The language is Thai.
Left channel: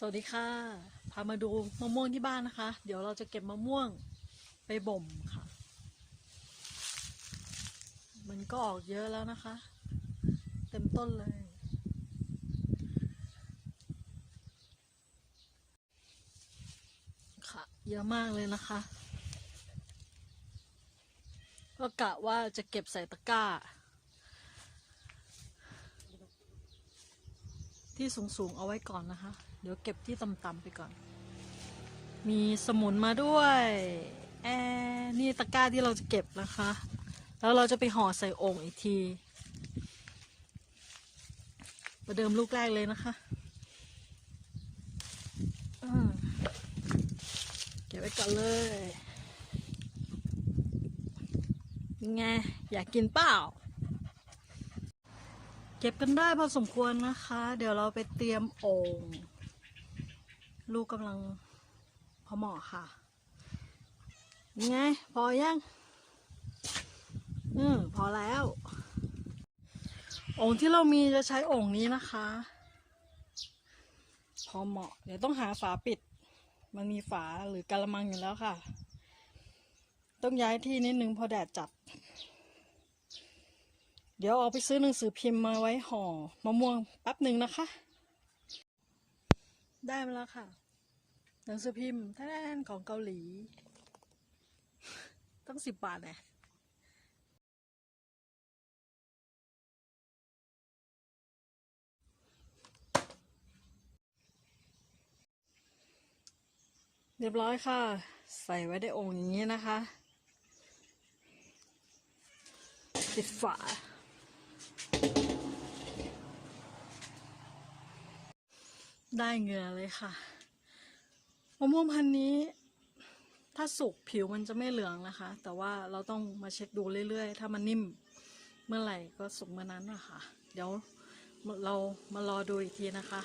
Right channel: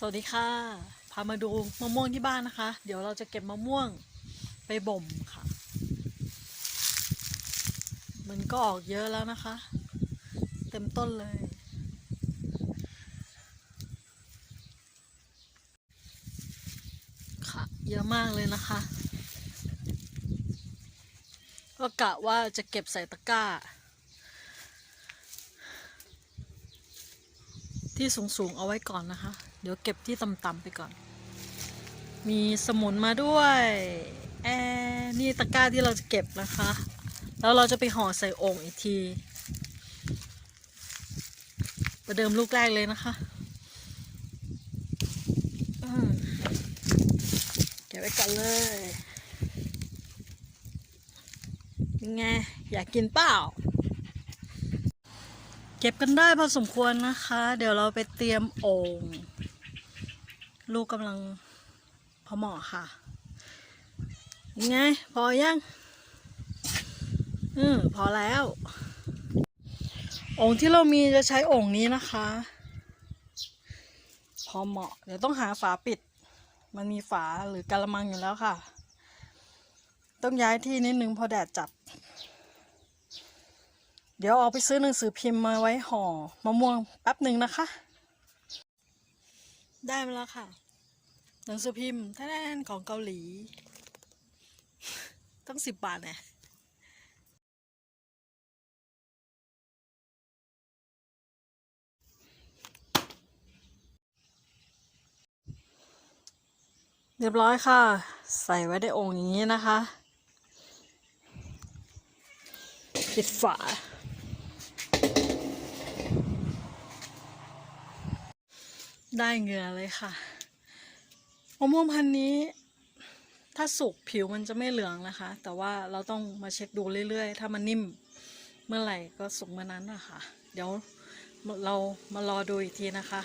สวัสดีค่ะ พามาดูมะม่วงที่บ้านนะคะ เดี๋ยวเราจะเก็บมะม่วงไปบ่มค่ะ มันก็ออกเยอะแล้วนะคะ เต็มต้นเลย ค่ะ เยอะมากเลยนะคะ ก็กะว่าจะเก็บใส่ตะกร้า ที่สูงๆเอาไว้ก่อนนะคะ เดี๋ยวเก็บที่ต่ำๆไปก่อน มีสมุนมาด้วยแอนี่ตะกร้าที่เราจะเก็บนะคะ แล้วเราจะไปห่อใส่โอ่งอีกทีประเดิมลูกแรกเลยนะคะเก็บไว้ก่อนเลยยังไง อยากกินเปล่า เก็บกันได้พอสมควรนะคะ เดี๋ยวเราไปเตรียมโอ่งลูกกำลังพอเหมาะค่ะยังไงพอยังอืมพอแล้วโอ่งที่เรามีจะใช้โอ่งนี้นะคะ พอเหมาะ เดี๋ยวต้องหาฝาปิด มันมีฝาหรือกระมังอยู่แล้วค่ะ ต้องย้ายที่นิดนึงเพอแดดจัด เดี๋ยวเอาไปซื้อหนังสือพิมพ์มาไว้ห่อมะม่วงแป๊บหนึ่งนะคะ ได้มาแล้วค่ะ หนังสือพิมพ์แท้ๆของเกาหลี ต้องสิบบาทเนี่ยเรียบร้อยค่ะ ใส่ไว้ในโอ่งอย่างนี้นะคะ ปิดฝา ได้เหงื่อเลยค่ะมะม่วงพันธุ์นี้ ถ้าสุกผิวมันจะไม่เหลืองนะคะ แต่ว่าเราต้องมาเช็คดูเรื่อยๆ ถ้ามันนิ่มเมื่อไหร่ก็สุกเมื่อนั้นนะคะ เดี๋ยวเรามารอดูอีกทีนะคะ